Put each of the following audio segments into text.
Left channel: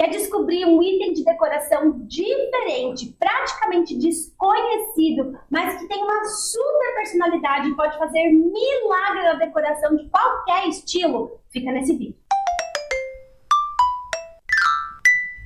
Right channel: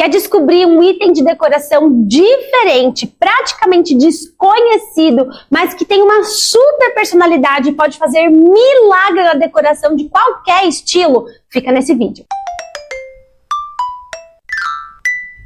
Quer descobrir um item de decoração diferente, praticamente desconhecido, mas que tem uma super personalidade e pode fazer milagre na decoração de qualquer estilo? Fica nesse vídeo.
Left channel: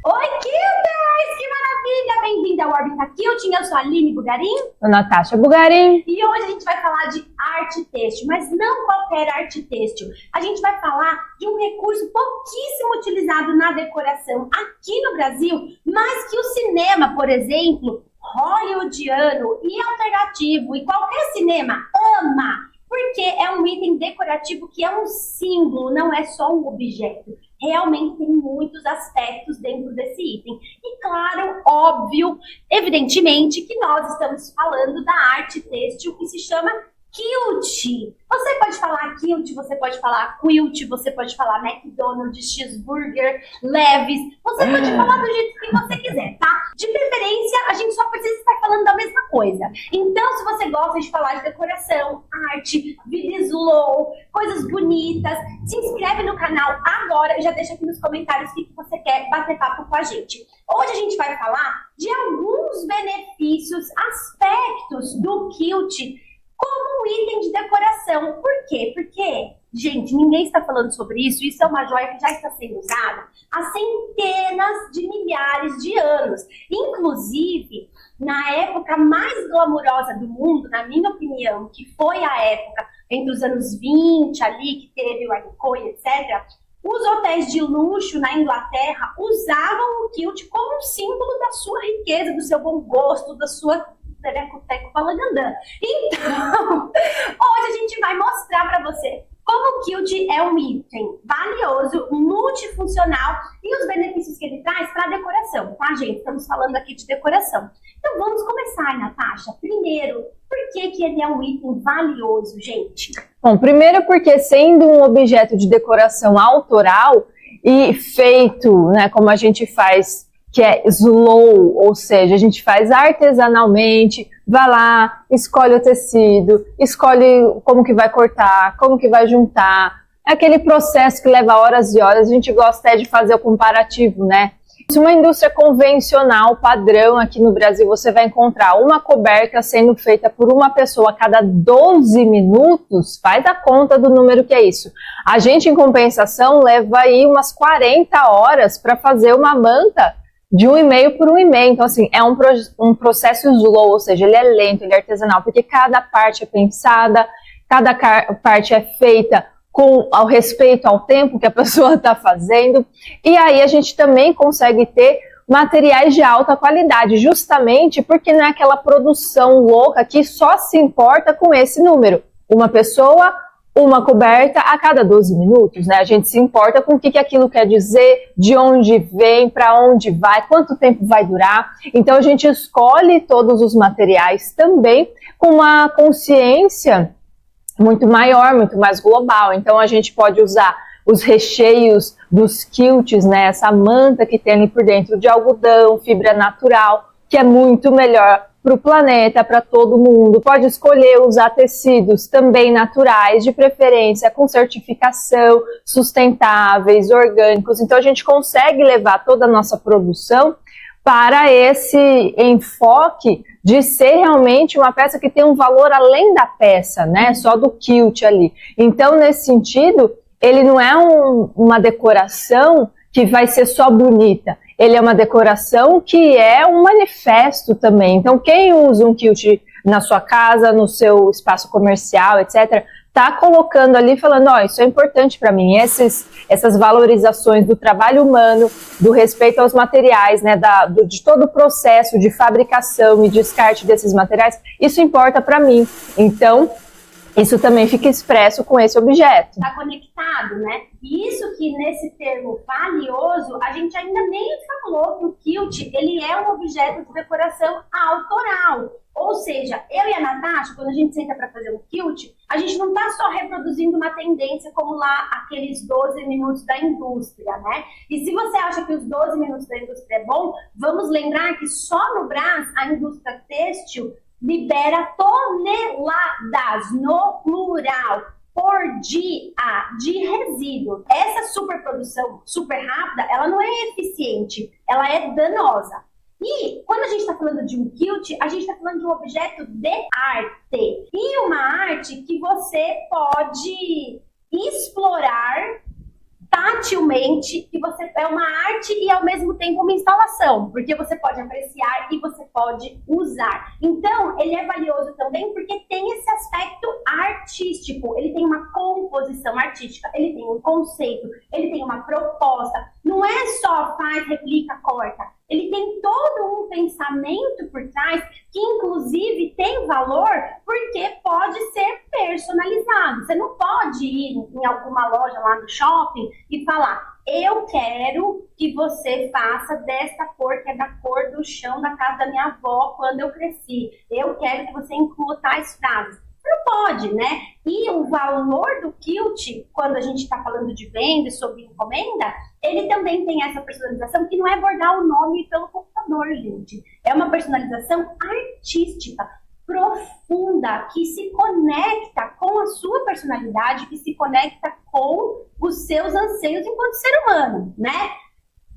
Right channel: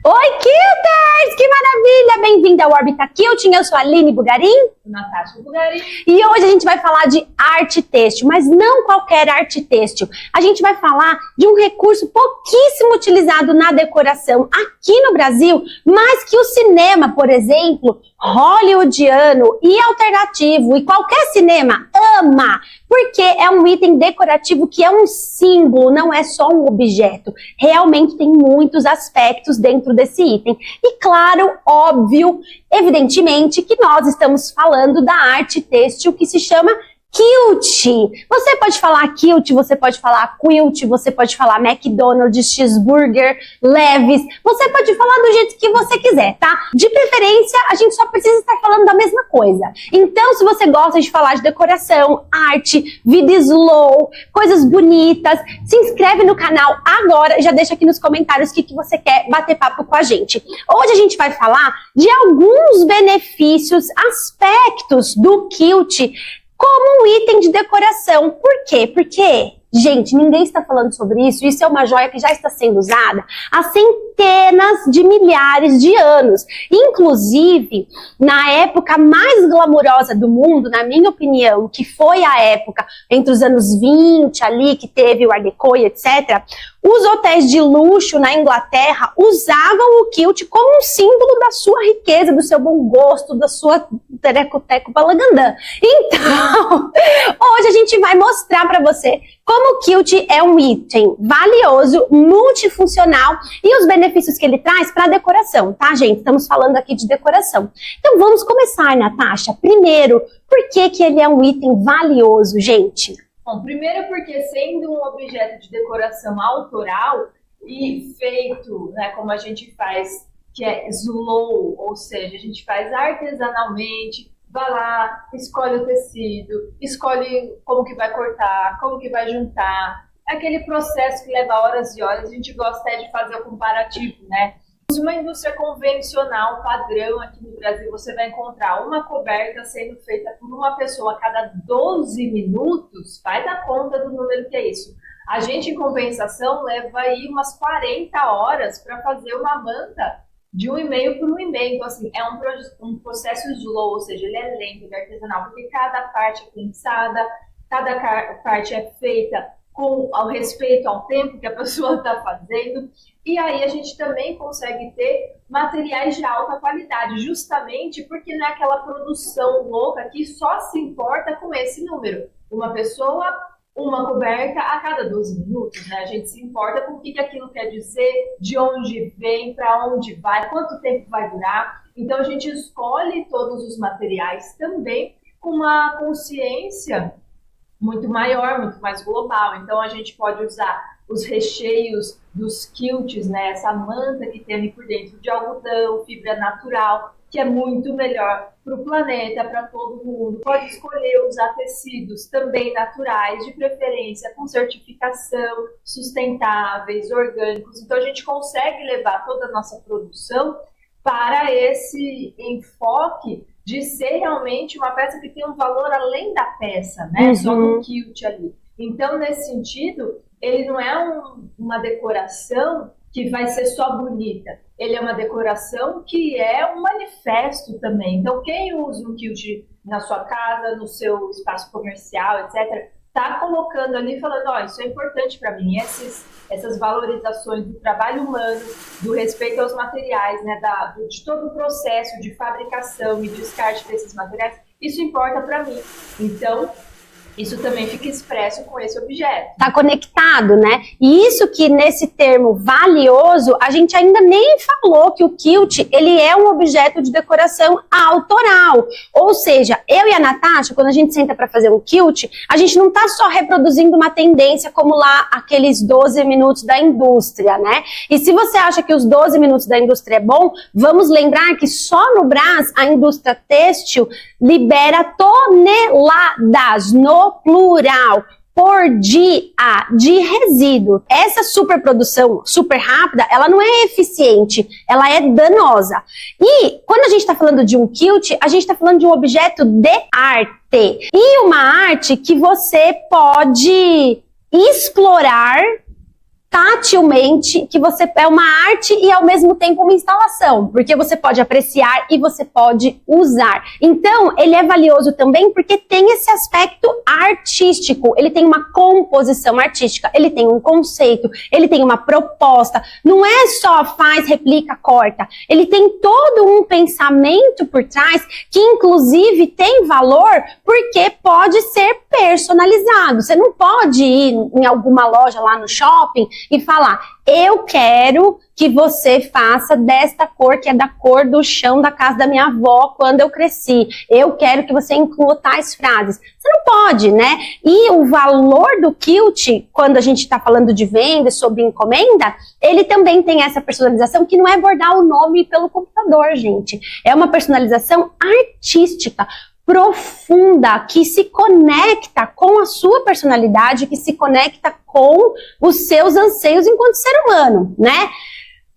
Oi, Quilters! Que maravilha! Bem-vinda ao Orbita Quilting. Eu sou a Aline Bugarim. Eu, Natasha Bugarim. E hoje a gente vai falar de arte têxtil, mas não qualquer arte têxtil. A gente vai falar de um recurso pouquíssimo utilizado na decoração aqui no Brasil, mas que o cinema, por exemplo, hollywoodiano e alternativo, e qualquer cinema ama, porque é um item decorativo que é um símbolo, não é só um objeto. Realmente tem muitos aspectos dentro desse item. E claro, óbvio, evidentemente que nós estamos falando da arte têxtil que se chama quilt. Você pode falar quilt, você pode falar quilt, você pode falar McDonald's, cheeseburger, Levi's, você pode falar do jeito que você quiser, tá? De preferência, a gente só precisa estar falando da mesma coisa. Então, se você gosta de falar de decoração, arte, vida slow, coisas bonitas, se inscreve no canal agora, já deixa aqui nos comentários o que você quer bater papo com a gente. Hoje a gente vai falar de alguns benefícios, aspectos do quilt como um item de decoração. Por quê? Porque, gente, ninguém está falando sobre isso. Isso é uma joia que já está sendo usada há centenas de milhares de anos. Inclusive, na época mais glamurosa do mundo, na minha opinião, que foi a época entre os anos 20 ali, que teve o Art Deco e etc., os hotéis de luxo na Inglaterra usavam o quilt como um símbolo da sua riqueza, do seu bom gosto, da sua tereco-teco balagandã. Então, hoje a gente vai mostrar para você como o quilt é um item valioso, multifuncional e os benefícios que ele traz para a decoração, tá, gente? Estamos falando aqui de decoração. Então vamos começar, Natasha. Primeiro, por que ele é um item valioso, gente? Bom, primeiro porque sendo um objeto de decoração autoral e feito, né, como a gente faz, que é slow, ou seja, a gente faz artesanalmente, vai lá, escolhe o tecido, escolhe como que vai cortar, como que vai juntar. É aquele processo que leva horas e horas, a gente gosta de fazer o comparativo, né? Se uma indústria convencional, padrão aqui no Brasil, você vai encontrar uma coberta sendo feita por uma pessoa a cada 12 minutos, faz a conta do número que é isso. A gente, em compensação, leva aí umas 40 horas para fazer uma manta de 1,5 por 1,5. Então, assim, é um processo slow, ou seja, ele é lento, ele é artesanal, porque cada parte é pensada, cada parte é feita com ao respeito ao tempo que a pessoa está fazendo, e aí a gente também consegue ter materiais de alta qualidade, justamente porque não é aquela produção louca que só se importa com esse número. Uma pessoa, uma coberta a cada 12 minutos, né? A gente se importa com o que aquilo quer dizer, de onde vem, para onde vai, quanto tempo vai durar. Então a gente escolhe todos os materiais também com uma consciência muito maior, muito mais global. Então a gente pode usar os recheios dos quilts, né, essa manta que tem ali por dentro de algodão, fibra natural, que é muito melhor para o planeta, para todo mundo. Pode escolher usar tecidos também naturais, de preferência com certificação, sustentáveis, orgânicos. Então a gente consegue levar toda a nossa produção para esse enfoque de ser realmente uma peça que tem um valor além da peça, né? Só do quilt ali. Então, nesse sentido, ele não é uma decoração que vai ser só bonita. Ele é uma decoração que é um manifesto também. Então, quem usa um quilt na sua casa, no seu espaço comercial, etc., tá colocando ali, falando, ó, isso é importante para mim, essas valorizações do trabalho humano, do respeito aos materiais, né, de todo o processo de fabricação e descarte desses materiais, isso importa para mim. Então, isso também fica expresso com esse objeto. Tá conectado, né? E isso que nesse termo valioso, a gente ainda nem falou que o quilt, ele é um objeto de decoração autoral. Ou seja, eu e a Natasha, quando a gente senta para fazer um quilt, a gente não tá só reproduzindo uma tendência como lá aqueles 12 minutos da indústria, né? E se você acha que os 12 minutos da indústria é bom, vamos lembrar que só no Brás a indústria têxtil libera toneladas, no plural, por dia de resíduo. Essa superprodução super rápida, ela não é eficiente, ela é danosa. E quando a gente está falando de um quilt, a gente está falando de um objeto de arte. E uma arte que você pode explorar tatilmente, que você é uma arte e ao mesmo tempo uma instalação, porque você pode apreciar e você pode usar. Então, ele é valioso também porque tem esse aspecto artístico, ele tem uma composição artística, ele tem um conceito, ele tem uma proposta, não é só faz, replica, corta, ele tem todo um pensamento por trás que inclusive tem valor porque pode ser personalizado. Você não pode ir em alguma loja lá no shopping e falar, eu quero que você faça desta cor, que é da cor do chão da casa da minha avó quando eu cresci. Eu quero que você inclua tais frases. Você não pode, né? E o valor do quilt, quando a gente está falando de venda, sobre encomenda, ele também tem essa personalização que não é bordar o nome pelo computador, gente. É uma personalização artística, profunda, que se conecta com a sua personalidade, que se conecta com os seus anseios enquanto ser humano, né?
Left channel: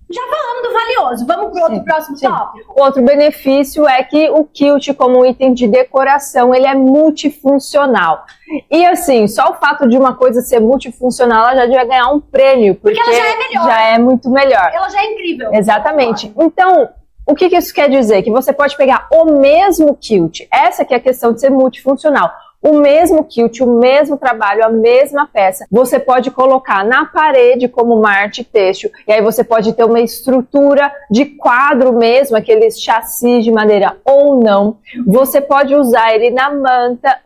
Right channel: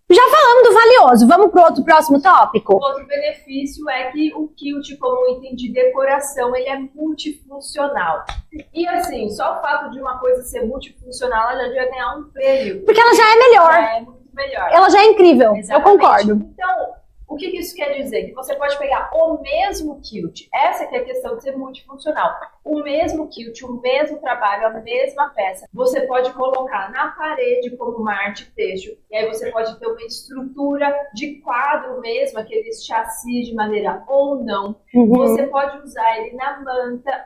Já falamos do valioso, vamos para o próximo tópico? Outro benefício é que o quilt, como item de decoração, ele é multifuncional. E assim, só o fato de uma coisa ser multifuncional, ela já devia ganhar um prêmio. Porque ela já é melhor. Já é muito melhor. Ela já é incrível. Exatamente. Então, o que isso quer dizer? Que você pode pegar o mesmo quilt, essa que é a questão de ser multifuncional, o mesmo quilt, o mesmo trabalho, a mesma peça, você pode colocar na parede como uma arte têxtil, e aí você pode ter uma estrutura de quadro mesmo, aqueles chassis de madeira ou não, você pode usar ele na manta,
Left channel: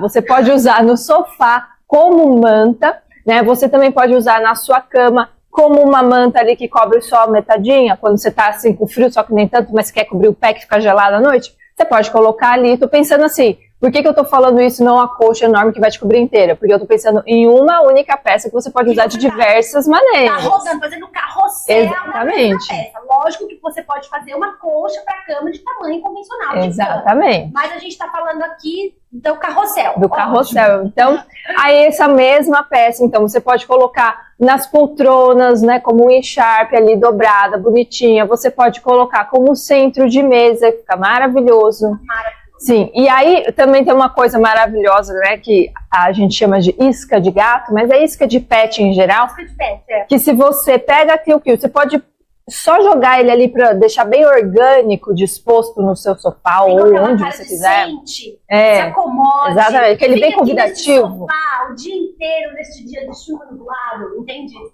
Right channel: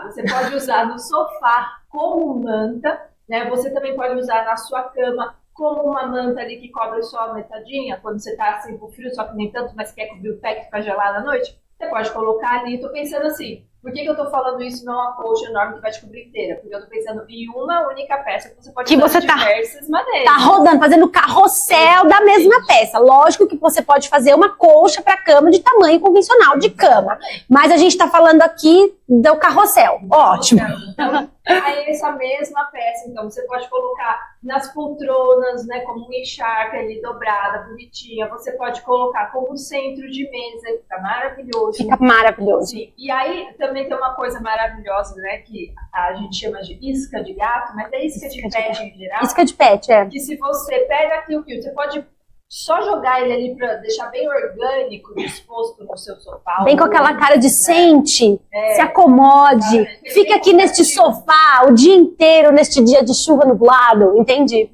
você pode usar no sofá como manta, né? Você também pode usar na sua cama, como uma manta ali que cobre só metadinha, quando você tá assim com frio, só que nem tanto, mas quer cobrir o pé que fica gelado à noite, você pode colocar ali. Tô pensando assim, por que eu tô falando isso, não a colcha enorme que vai te cobrir inteira? Porque eu tô pensando em uma única peça que você pode usar de diversas maneiras. Tá rodando, fazendo o carrossel da mesma peça. Lógico que você pode fazer uma colcha para cama de tamanho convencional de cama. Mas a gente tá falando aqui do carrossel. Do carrossel. Então, aí essa mesma peça, então, você pode colocar nas poltronas, né, como um encharpe ali dobrada, bonitinha. Você pode colocar como centro de mesa, fica maravilhoso. Fica maravilhoso. Sim, e aí também tem uma coisa maravilhosa, né, que a gente chama de isca de gato, mas é isca de pet em geral. Isca de pet, é. Que se você pega aqui o que você pode só jogar ele ali para deixar bem orgânico, disposto no seu sofá. Vem com aquela cara de sente, se acomode, fica aqui neste sofá o dia inteiro, neste dia de chuva nublado, entendi?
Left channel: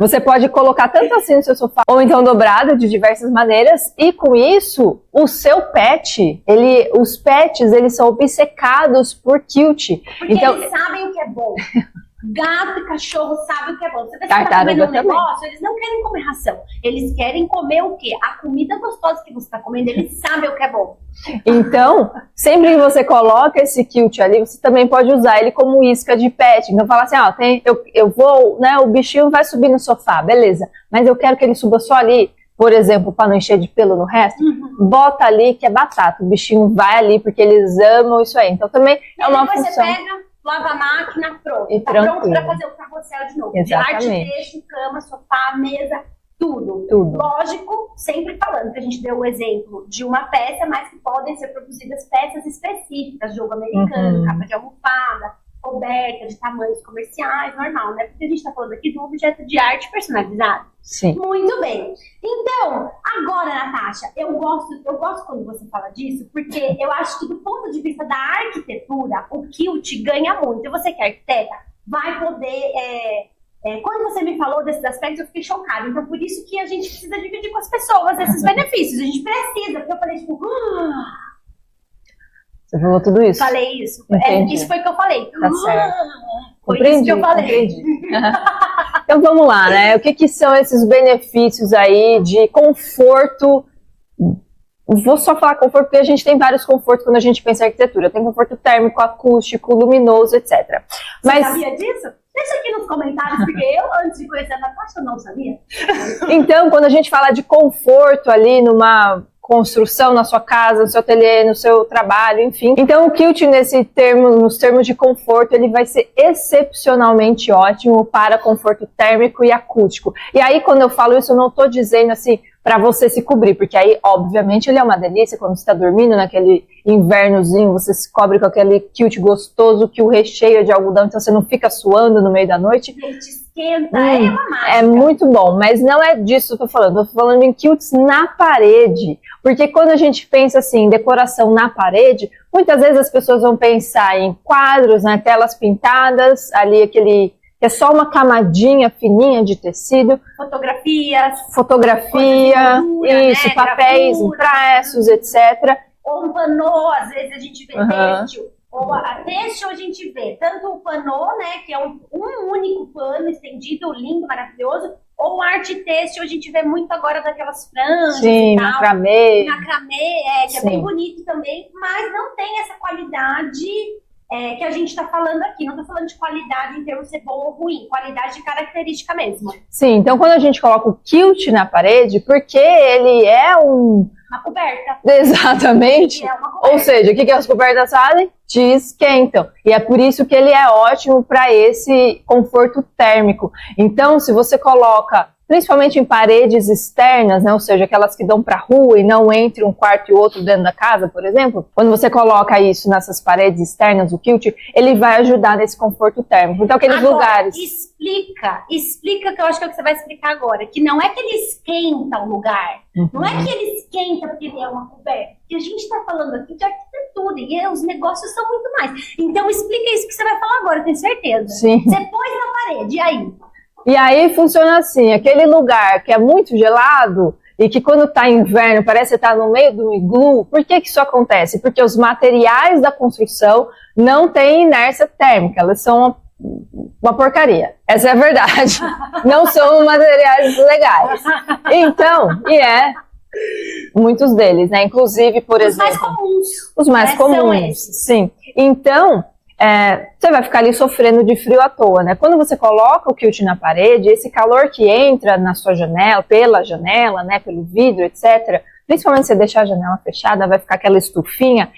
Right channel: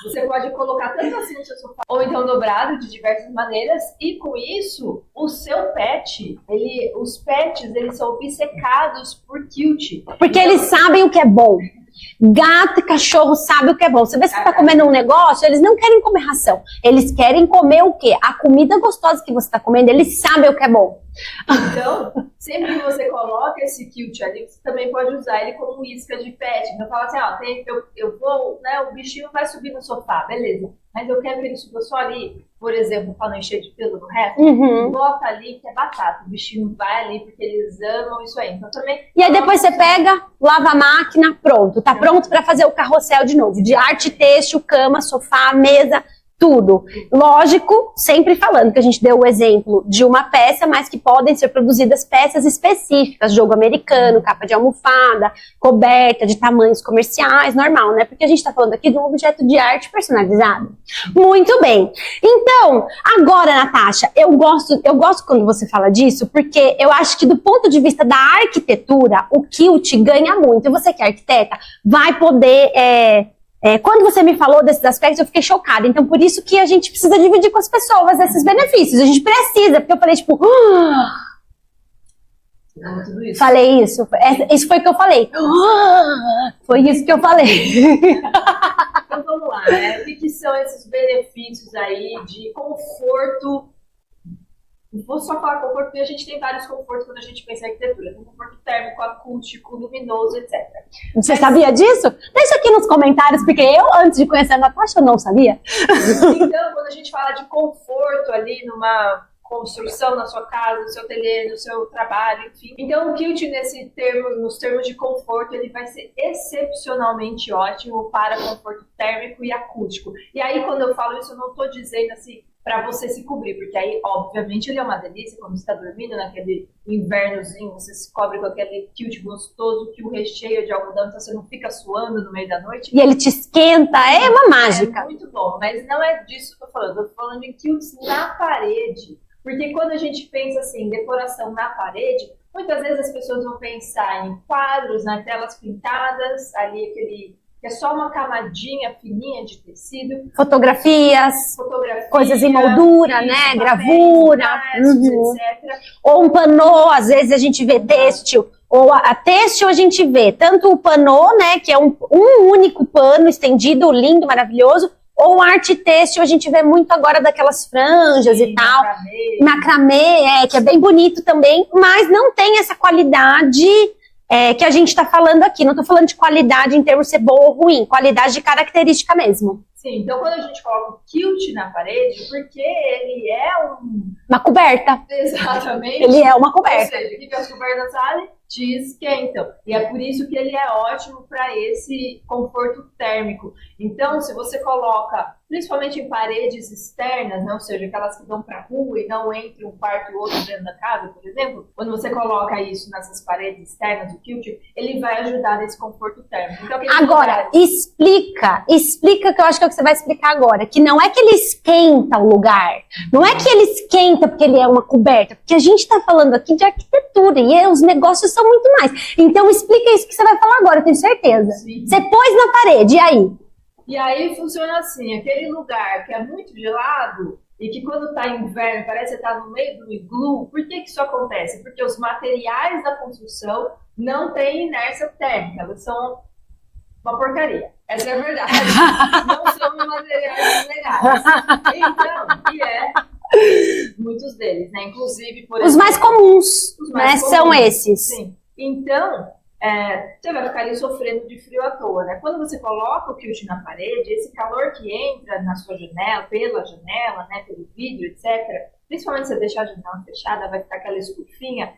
Você pode colocar tanto assim no seu sofá, ou então dobrado de diversas maneiras, e com isso, o seu pet, os pets, eles são obcecados por quilt. Porque então, eles sabem o que é bom. Gato e cachorro sabem o que é bom. Você vê se você tá comendo um negócio, eles não querem comer ração. Eles querem comer o quê? A comida gostosa que você está comendo, eles sabem o que é bom. Então, sempre que você coloca esse quilt ali, você também pode usar ele como isca de pet. Então, fala assim, ó, eu vou, né, o bichinho vai subir no sofá, beleza. Mas eu quero que ele suba só ali, por exemplo, para não encher de pelo no resto, bota ali que é batata. O bichinho vai ali porque eles amam isso aí. Então, também. E aí depois você pega, lava a máquina, pronto. Tá pronto para fazer o carrossel de novo. Exatamente. De arte têxtil, cama, sofá, mesa. Tudo. Lógico, sempre falando que a gente deu o exemplo de uma peça, mas que podem ser produzidas peças específicas, jogo americano, capa de almofada, coberta de tamanhos comerciais, normal, né? Porque a gente tá falando aqui de um objeto de arte personalizado. Sim. Muito bem. Então, agora, Natasha, eu gosto quando você fala disso, porque eu acho que do ponto de vista da arquitetura, o quilt ganha muito. E você que é arquiteta, vai poder... quando você me falou desses aspectos, eu fiquei chocada. Então, por isso que a gente precisa dividir com as pessoas esses benefícios. A gente precisa, porque eu falei, tipo... Você falou tudo isso? Falei isso. Isso foi o que eu falei. Tá certo. Foi isso que eu falei. Então, vamos lá, né? O que são esses benefícios aí de conforto? Vou só falar conforto, porque a gente tem vários confortos quando a gente pensa em arquitetura. Tem conforto térmico, acústico, luminoso, etc. Você sabia disso? Deixa aqui nos comentários, porque eu, antes de conhecer a Natasha, eu não sabia. Então, quando a gente fala de conforto ali construção, na sua casa, no seu ateliê, no seu trabalho, enfim. Então o quilt nos termos de conforto, ele vai ser excepcionalmente ótimo para conforto térmico e acústico. E aí quando eu falo isso, eu não estou dizendo assim para você se cobrir, porque aí obviamente ele é uma delícia quando você está dormindo naquele invernozinho, você se cobre com aquele quilt gostoso que o recheio é de algodão, então você não fica suando no meio da noite. E ele te esquenta, é uma mágica. É muito bom, mas não é disso que eu tô falando em quilts na parede, porque quando a gente pensa assim, em decoração na parede, muitas vezes as pessoas vão pensar em quadros, né, telas pintadas, ali aquele... é só uma camadinha fininha de tecido. Fotografias, coisas em moldura, isso, né? papéis, Gravura, impressos, etc. Ou um panô, às vezes a gente vê têxtil. Ou a têxtil a gente vê tanto o panô, né? Que é um único pano estendido, lindo, maravilhoso. Ou arte têxtil, a gente vê muito agora daquelas franjas e tal. Macramê, que é bem bonito também. Mas não tem essa qualidade... que a gente está falando aqui. Não estou falando de qualidade em termos de ser boa ou ruim, qualidade de característica mesmo. Sim, então quando a gente coloca o quilt na parede, porque ele é uma coberta. Exatamente. Ele é uma coberta. Ou seja, o que as cobertas fazem? Te esquentam. E é por isso que ele é ótimo para esse conforto térmico. Então, se você coloca, principalmente em paredes externas, né, ou seja, aquelas que dão para a rua e não entre um quarto e outro dentro da casa, por exemplo, quando você coloca isso nessas paredes externas, o quilt, ele vai ajudar nesse conforto térmico. Então, aqueles lugares... Explica que eu acho que é o que você vai explicar agora, que não é que ele esquenta o lugar, não é que ele esquenta porque ele é uma coberta, porque a gente está falando aqui de arquitetura e os negócios são muito mais. Então, explica isso que você vai falar agora, eu tenho certeza. Sim. Você pôs na parede, e aí? E aí funciona assim, aquele lugar que é muito gelado e que quando tá inverno parece que tá no meio do iglu, por que isso acontece? Porque os materiais da construção não têm inércia térmica, elas são uma porcaria. Essa é a verdade. Não são materiais legais. Então, muitos deles, né? Inclusive, por exemplo... Os mais comuns. Os mais comuns. São esses. Sim. Então... você vai ficar ali sofrendo de frio à toa, né? Quando você coloca o quilt na parede, esse calor que entra na sua janela, pela janela, né, pelo vidro, etc., principalmente se você deixar a janela fechada, vai ficar aquela estufinha,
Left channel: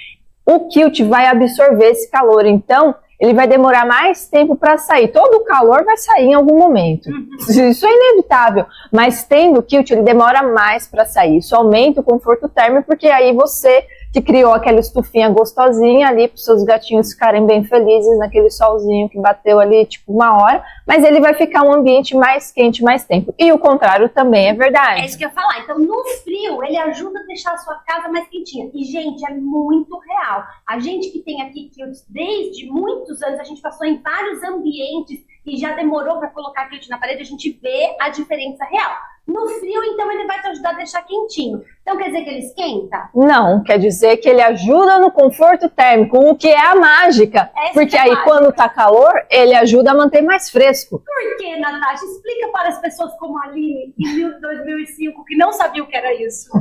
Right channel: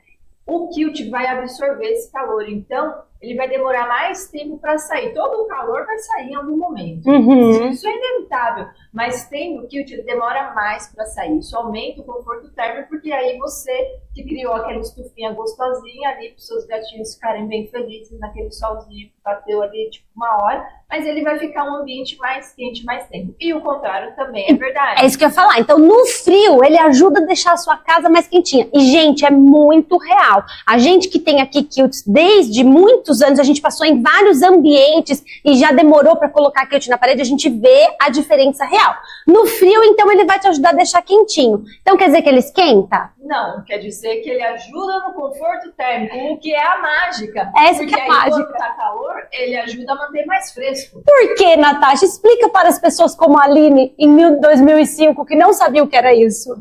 o quilt vai absorver esse calor, então ele vai demorar mais tempo para sair. Todo o calor vai sair em algum momento. Isso é inevitável, mas tendo o quilt, ele demora mais para sair. Isso aumenta o conforto térmico, porque aí você que criou aquela estufinha gostosinha ali para os seus gatinhos ficarem bem felizes naquele solzinho que bateu ali tipo 1 hora, mas ele vai ficar um ambiente mais quente mais tempo. E o contrário também é verdade. É isso que eu ia falar. Então, no frio, ele ajuda a deixar a sua casa mais quentinha. E, gente, é muito real. A gente que tem aqui quilts desde muitos anos, a gente passou em vários ambientes e já demorou para colocar quilt na parede, a gente vê a diferença real. No frio, então, ele vai te ajudar a deixar quentinho. Então, quer dizer que ele esquenta? Não, quer dizer que ele ajuda no conforto térmico, o que é a mágica. Porque aí, quando tá calor, ele ajuda a manter mais fresco. Por que, Natasha? Explica para as pessoas como a Aline, em 2005, que não sabia o que era isso.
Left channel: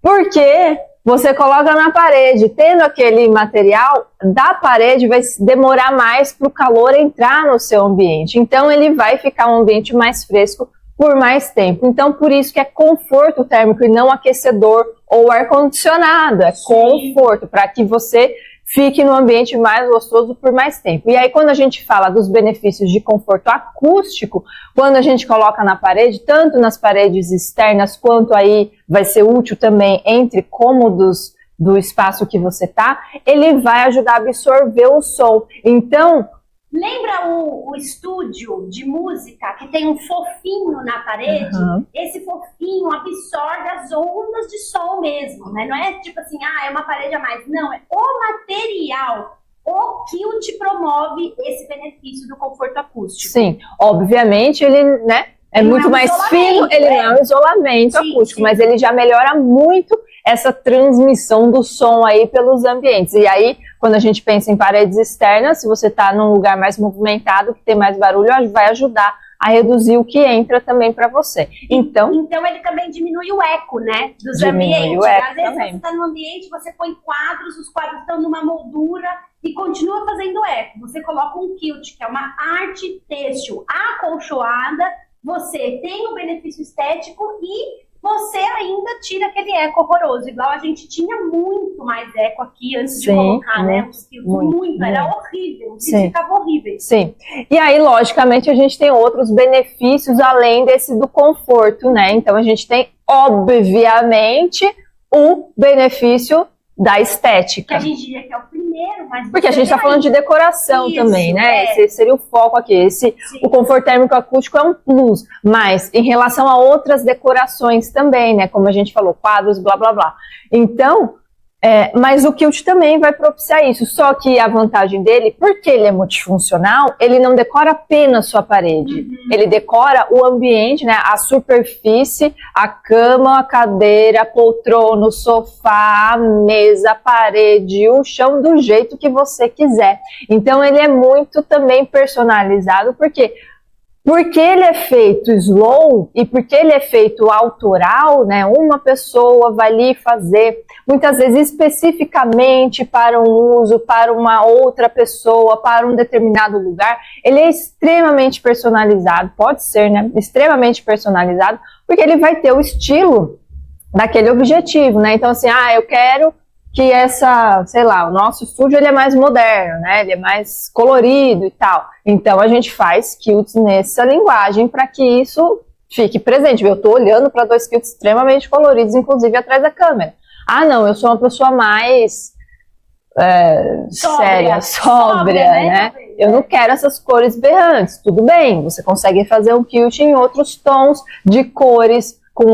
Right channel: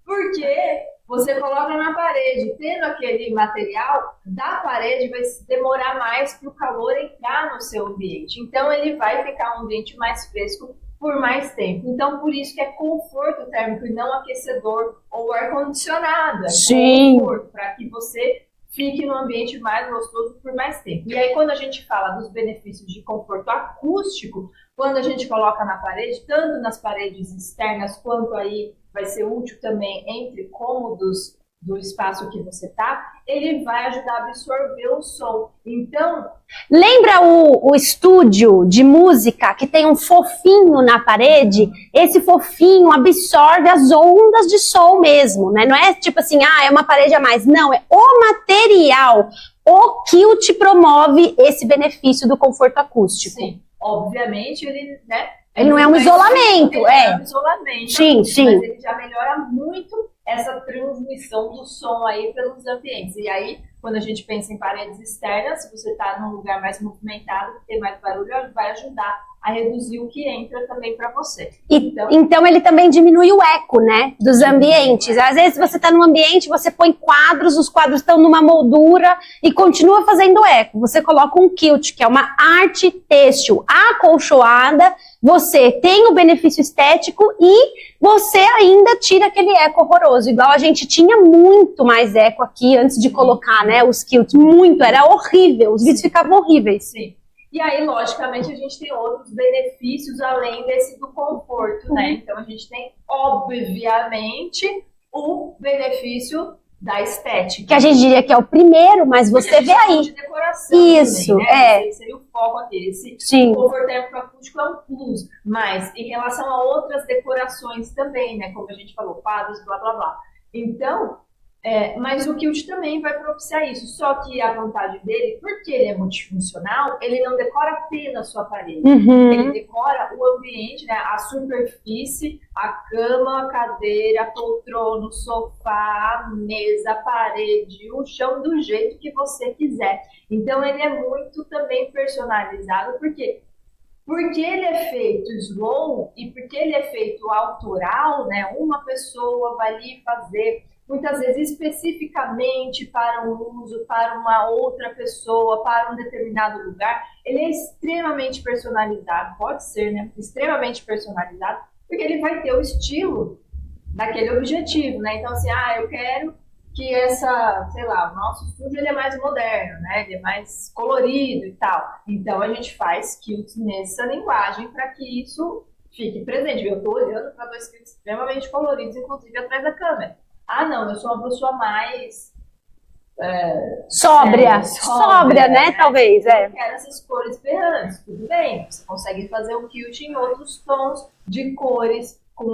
Porque você coloca na parede, tendo aquele material da parede, vai demorar mais para o calor entrar no seu ambiente. Então, ele vai ficar um ambiente mais fresco por mais tempo. Então, por isso que é conforto térmico e não aquecedor ou ar-condicionado. É conforto, para que você fique no ambiente mais gostoso por mais tempo. E aí, quando a gente fala dos benefícios de conforto acústico, quando a gente coloca na parede, tanto nas paredes externas, quanto aí vai ser útil também entre cômodos do espaço que você tá, ele vai ajudar a absorver o som. Então, lembra o estúdio de música que tem um fofinho na parede? Esse fofinho absorve as ondas de som mesmo, né? Não é tipo assim, é uma parede a mais. Não, é o material. O quilt promove esse benefício do conforto acústico. Sim, obviamente ele, né? Ele não é um isolamento. Ele é um isolamento acústico, mas ele já melhora muito essa transmissão do som aí pelos ambientes. E aí, quando a gente pensa em paredes externas, se você está num lugar mais movimentado, que tem mais barulho, vai ajudar a reduzir o que entra também para você. Então ele também diminui o eco, né, dos ambientes. Às vezes também. você está num ambiente, você põe quadros, os quadros estão numa moldura e continua fazendo eco. Você coloca um quilt, que é uma arte têxtil acolchoada, você tem o benefício estético e você ainda tira aquele eco horroroso. Igual a gente tinha muito mais eco aqui antes de colocar, né, os quilts. Muito, era horrível, os vídeos ficavam horríveis. Sim. E aí, logicamente, a gente tem outros benefícios além desse do conforto, né? Então a gente tem, obviamente, o benefício da estética. Que a gente diria que é o primeiro, mas você Porque a gente está falando de decoração também, né? Esse seria o foco aqui. O conforto térmico acústico é um plus, mas em relação a outras decorações também, né? Como a gente falou, quadros, blá, blá, blá. Então, mas o quilt também vai propiciar isso. Só que a vantagem dele, porque ele é multifuncional, ele não decora apenas sua parede. Ele decora o ambiente, né? A superfície, a cama, a cadeira, a poltrona, o sofá, a mesa, a parede, o chão, do jeito que você quiser. Então ele é muito também personalizado, porque ele é feito slow e porque ele é feito autoral, né? Uma pessoa vai ali fazer, muitas vezes especificamente para um uso, para uma outra pessoa, para um determinado lugar. Ele é extremamente personalizado, pode ser, né? Extremamente personalizado, porque ele vai ter o estilo daquele objetivo, né? Então assim, eu quero que o nosso estúdio ele é mais moderno, né? Ele é mais colorido e tal. Então a gente faz quilts nessa linguagem para que isso fique presente. Eu estou olhando para 2 quilts extremamente coloridos, inclusive atrás da câmera. Não, eu sou uma pessoa mais sóbria, né? Talvez. Eu não quero essas cores berrantes. Tudo bem, você consegue fazer um quilt em outros tons de cores, com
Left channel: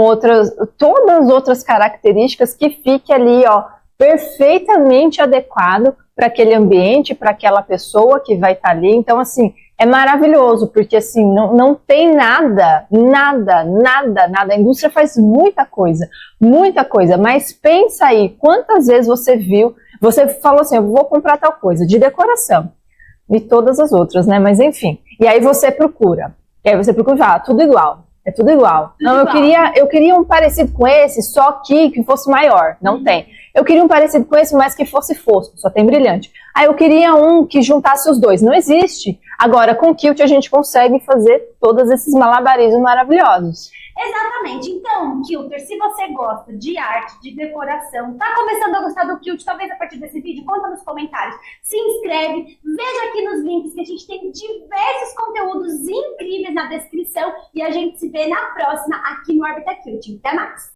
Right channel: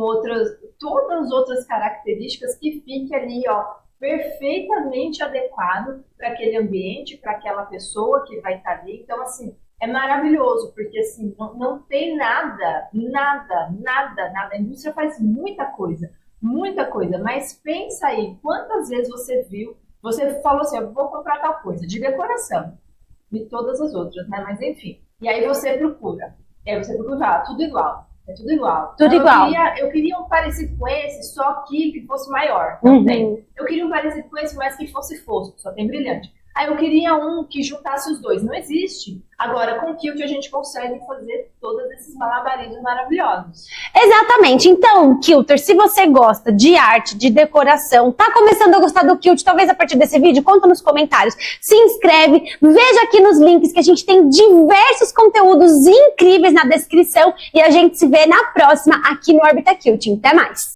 todas as outras características que fique ali, perfeitamente adequado para aquele ambiente, para aquela pessoa que vai estar ali. Então, assim, é maravilhoso, porque assim, não tem nada. A indústria faz muita coisa, mas pensa aí, quantas vezes você falou assim, eu vou comprar tal coisa, de decoração, e todas as outras, né? Mas enfim, e aí você procura e fala, tudo igual. É tudo igual. Eu queria um parecido com esse, só que fosse maior. Não tem. Eu queria um parecido com esse, mas que fosse fosco. Só tem brilhante. Eu queria um que juntasse os dois. Não existe. Agora, com o quilt, a gente consegue fazer todos esses malabarismos maravilhosos. Exatamente. Então, quilter, se você gosta de arte, de decoração, tá começando a gostar do quilt, talvez a partir desse vídeo, conta nos comentários. Se inscreve, veja aqui nos links que a gente tem diversos conteúdos incríveis na descrição e a gente se vê na próxima aqui no Orbita Quilting. Até mais!